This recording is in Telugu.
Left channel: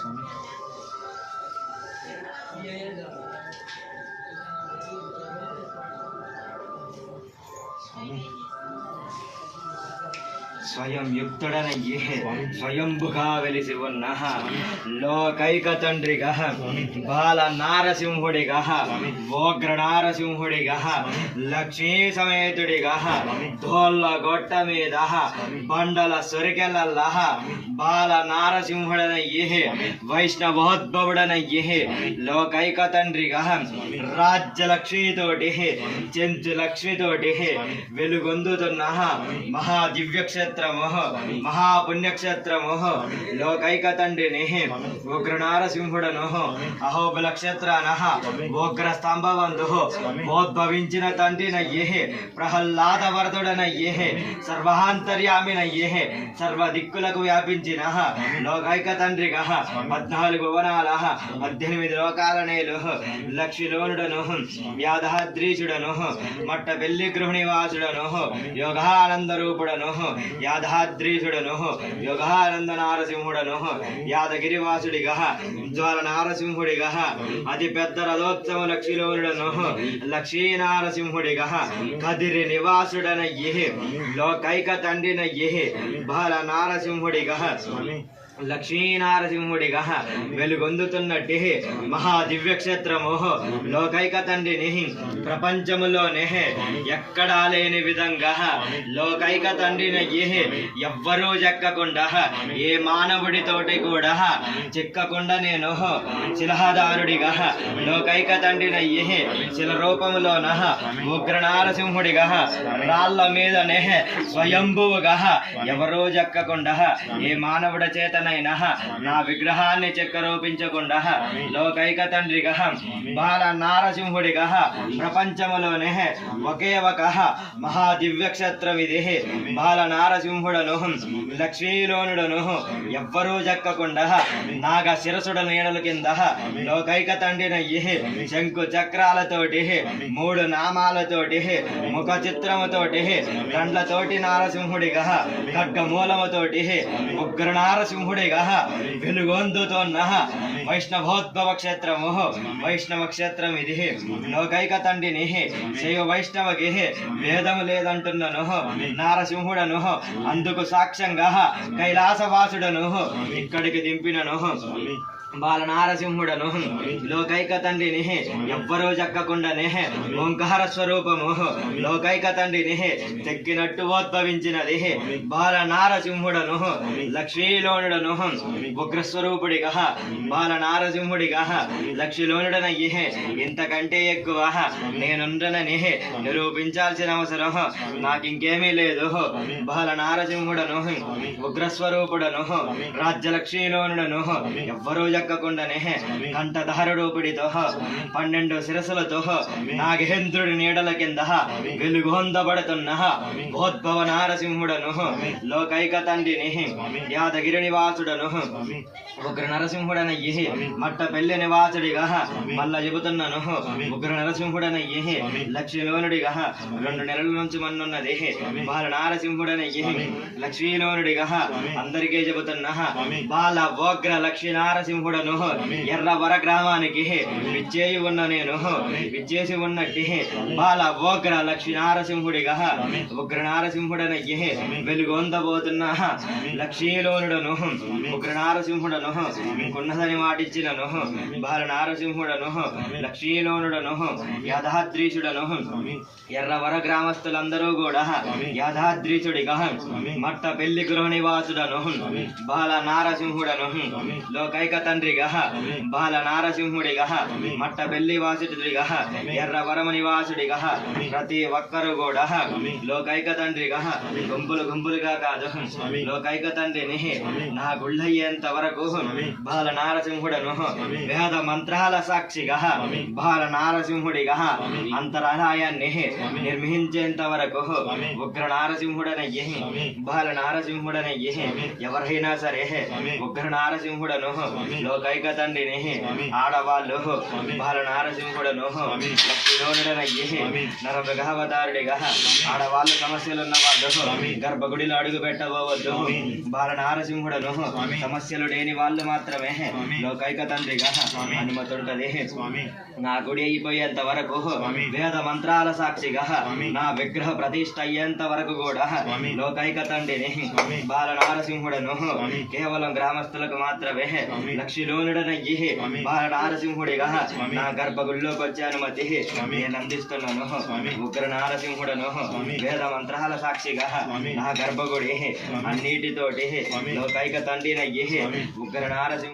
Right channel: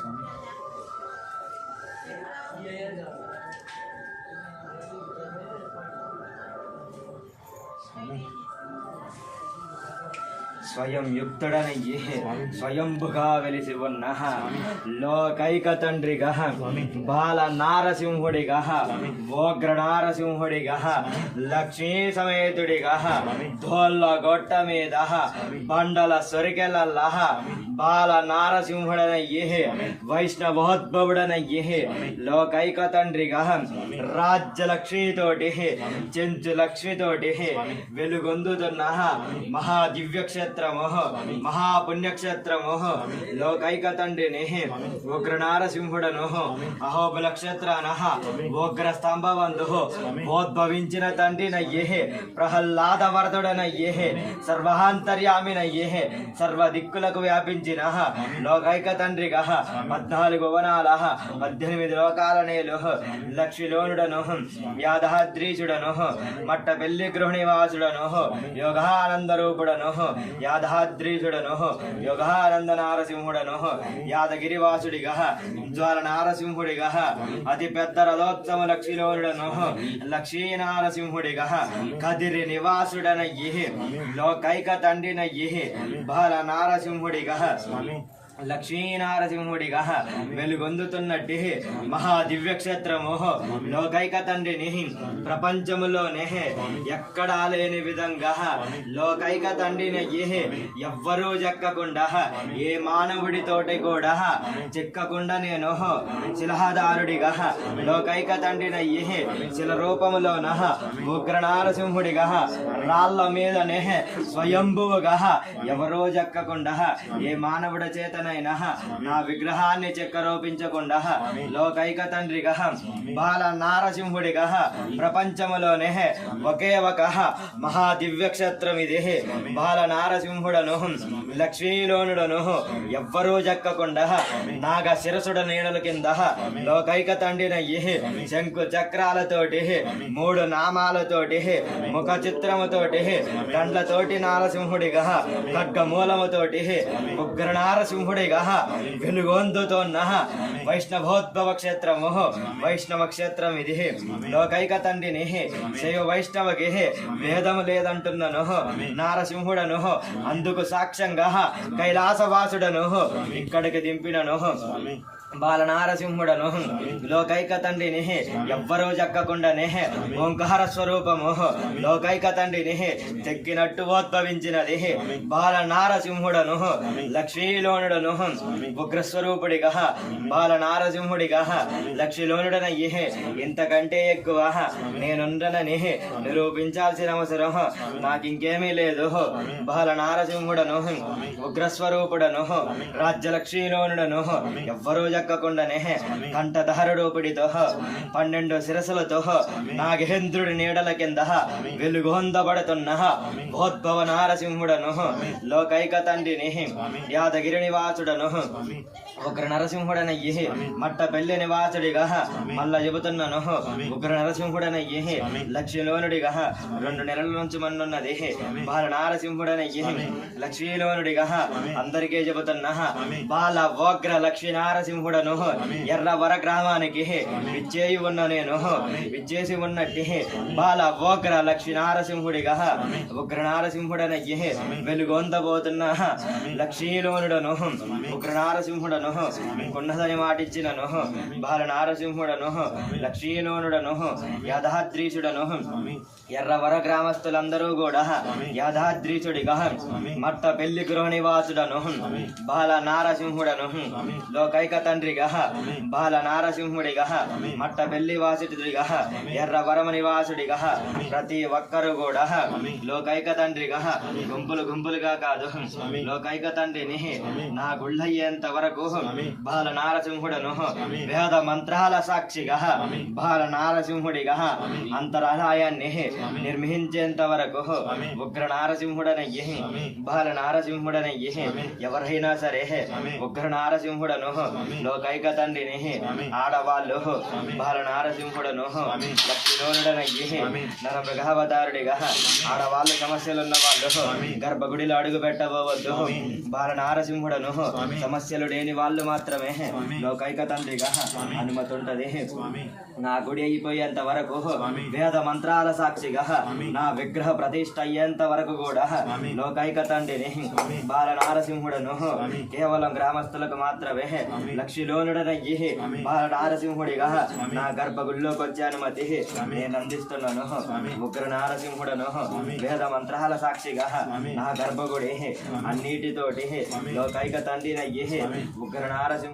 స్వామి. స్వయం యుక్తుడనయ్యే స్వయంభుగా వెలిసి ఉన్న లోకైక తండ్రిగా బాల నారసింహుడిగా ఓగ్ర నారసింహుడిగా లక్ష్మీ సమేతుడిగా ధోళ్ళ గొట్ట మీద బండల సొరికెలల్లా బాల నారసింహుడనయ్యే వైష్ణవోద్భవుడనయ్యే లోకైక తండ్రిగా రాజ్యలక్ష్మితోటి చెంచు లక్ష్మితోటి వెలుగొందుతున్న మహా దివ్యక్షేత్రము మహాపుణ్యక్షేత్రము లోకైక తండ్రిని ఉగ్ర నారసింహుడను అహోబల క్షేత్రాన ఉగ్ర స్తంభవంతు ఉద్భవించిన తండ్రినయ్యే ప్రహ్లాద వరదుడనయ్యే సర్వాంతర్యామినయ్యే సర్వ దిక్కులకు వ్యాపించిన లోకైక తండ్రిగా 14 భువనాల 18 లోకాల నేలు లక్ష్మిలోనుడను యాదాద్రీశుడను మట్ట పెళ్లి గృహనివాసుడను యోగానంద రూపుడను యాదాద్రీశుడను యోగానంద నారసింహుడను యాదగిరివాసుడిగా జ్వాల నారసింహుడిగా అతి పెద్ద రథోత్సవ లక్ష్మిలోనుడను లక్ష్మీ నారసింహుడిగా కదిరి నివాసుడనయ్యే లోకైక తండ్రినయ్యే బాల నారసింహుడిగా లక్ష్మీనారసింహుడిగా వెలుగొందుతున్నట్టు మహా దివ్యక్షేత్రము లోకైక తండ్రిని ప్రపంచములోనే ఎక్కడా లేని విధంగా లోకైక తండ్రినయ్యే ఎవ్వరూ చెక్కకుండా ఏ మానవుడితోటి కూడా చెక్కకుండా నేను శిలహదారుడిగా లోకైక తండ్రినయ్యే శిల రూపములోన ఉగ్ర నారసింహుడిగా రాళ్ళ మీదనే స్వయంభువుగా ఎవరో చెక్కకుండా ఏ మానవుడ చేతన నా విగ్రహాన్ని చెక్కరూపించకుండా లోకైక తండ్రిగా బాల నారసింహుడిగా ప్రపంచములోనే ఒకే ఒక మహా దివ్యక్షేత్రం ఇది బాల నారసింహుడను లక్ష్మీలోనుడను ఎవ్వరూ చెక్కకుండా నాగ శిరసుడ నీడల కింద లోకైక తండ్రినయ్యే శంకు చక్రాలతోటి 3 నామాలతోటి ముఖ చిత్రముతోటి కండ్లతోటి నారసింహుడిగా ఖడ్గమూలముతోటి ఉగ్ర నారసింహుడిగా వెలుగొందుతోన్న వైష్ణవోద్భవ క్షేత్రము వైష్ణవ క్షేత్రం ఇది లోకైక తండ్రిని శైవ వైష్ణవకి భేదము లేదంటున్నను నారసింహుడను అందుకు సాక్ష్యంగా కైలాసవాసుడను ఇక్కడికి దింపినను బాల నారసింహుడను లోకైక తండ్రిని ఎవ్వరూ చెక్కకుండానే ఓంకార స్వరూపము లోకైక తండ్రిని చెక్కినట్టు ఉద్భవించినది బాల నారసింహుడను లక్ష్మీలోనుడను ఉగ్రస్వరూపుడిగా బాల నారసింహుడిగా లక్ష్మీలోనుడనయ్యే ఇంతకంటే ఎక్కువ నేనుండనని నిరూపించాల్సిన అవసరం నాకింకేమీ లేదు బాల నారసింహుడను ఉగ్రస్వరూపుడను రాజ్యలక్ష్మీలోనుడను ఎవ్వరూ చెక్కకుండానే కంఠధారుడోపిడితో 12 శిరసులతో నాగేంద్రుడి నీడల కింద వెలుగొందబడుతున్న భోద్భవ నారసింహుడను లోకైక తండ్రిని యాదగిరి నివాసుడను ఉగ్ర నరసింహుడనయ్యే మట్ట పెళ్లి నివాసుడిగా మళ్ళా చెబుతున్నాను ఉగ్ర నరసింహుడనయ్యే లక్ష్మీలోనుడిగా 2 నెలల నుంచి మన్నున్నది బాల నారసింహుడనయ్యే లక్ష్మీలోనుడిగా అందరికీ చెబుతున్నా బాల ఓగ్ర లక్ష్మీ నారసింహుడను ఎర్రవర గ్రామానికి విచ్చేయి ఉన్న నేను విచ్చేసి ఉన్నట్టి బాల ఓగ్ర లక్ష్మీ నారసింహుడిగా ఉగ్ర నారసింహుడనయ్యే వెలుగొందబోతున్న లక్ష్మీలోనుడను ఉగ్ర నారసింహుడను ఉన్నదని మాటిచ్చినను బాల నారసింహుడను లక్ష్మీలోనుడను యాదాద్రీశుడను ఎర్రవర గ్రామస్తులందరూ కూడా యాదాద్రీశుడిగా మట్ట పెళ్లి గృహ నివాసుడను బాల నారసింహుడను లోకైక తండ్రిగా బాల నారసింహుడిగా మట్ట పెళ్లి వాసుడిగా ఎర్రవరమ నివాసుడిగా ప్రతి ఒక్కరు కూడా లోకైక తండ్రిగా గుంపులు గుంపులుగా కాదు లోకైక తండ్రిని నా గుళ్ళయ్యేంత వరకు బాల నారసింహుడను వేద మంత్రాల సాక్షిగా బాల నారసింహుడిగా అంతరాలయాన్ని నిర్మించేంత వరకు ఉగ్ర నారసింహుడనయ్యే బాల నారసింహుడనయ్యే ఎవరైనా సరే ఉగ్ర నారసింహుడను లోకైక తండ్రిని ఆడవాళ్ళు బాల నారసింహుడను లక్ష్మీలోనుడనయ్యి నర మృగావతారుడిగా ఆడవాళ్ళు సమస్యలున్న వాళ్ళు గర్భగుడిలో అడుగు పెట్టబోవద్దు. బాల నారసింహుడను సమస్యలు లేని వాళ్ళు మాత్రమే లోకైక తండ్రిగా అనుమతుంటది. నా గుడి అయిపోయేంత వరకు వేద మంత్రాల సాక్షిగా నా విగ్రహ ప్రతిష్ఠ అయ్యేంత వరకు కూడా లోకైక తండ్రిని బాల నారసింహుడను కేవలం గ్రామస్తులకు మాత్రమే లక్ష్మీలోనుడనయ్యి బాల నారసింహుడిగా నా గర్భగుడిలోకి వచ్చే అనుమతి నేను అందిస్తున్నాను. ఉగ్ర నారసింహుడను వేద మంత్రాల సాక్షిగా నా గర్భగుడి అన్నిటితోటి లోకైక తండ్రినయ్యి ఉగ్ర నారసింహ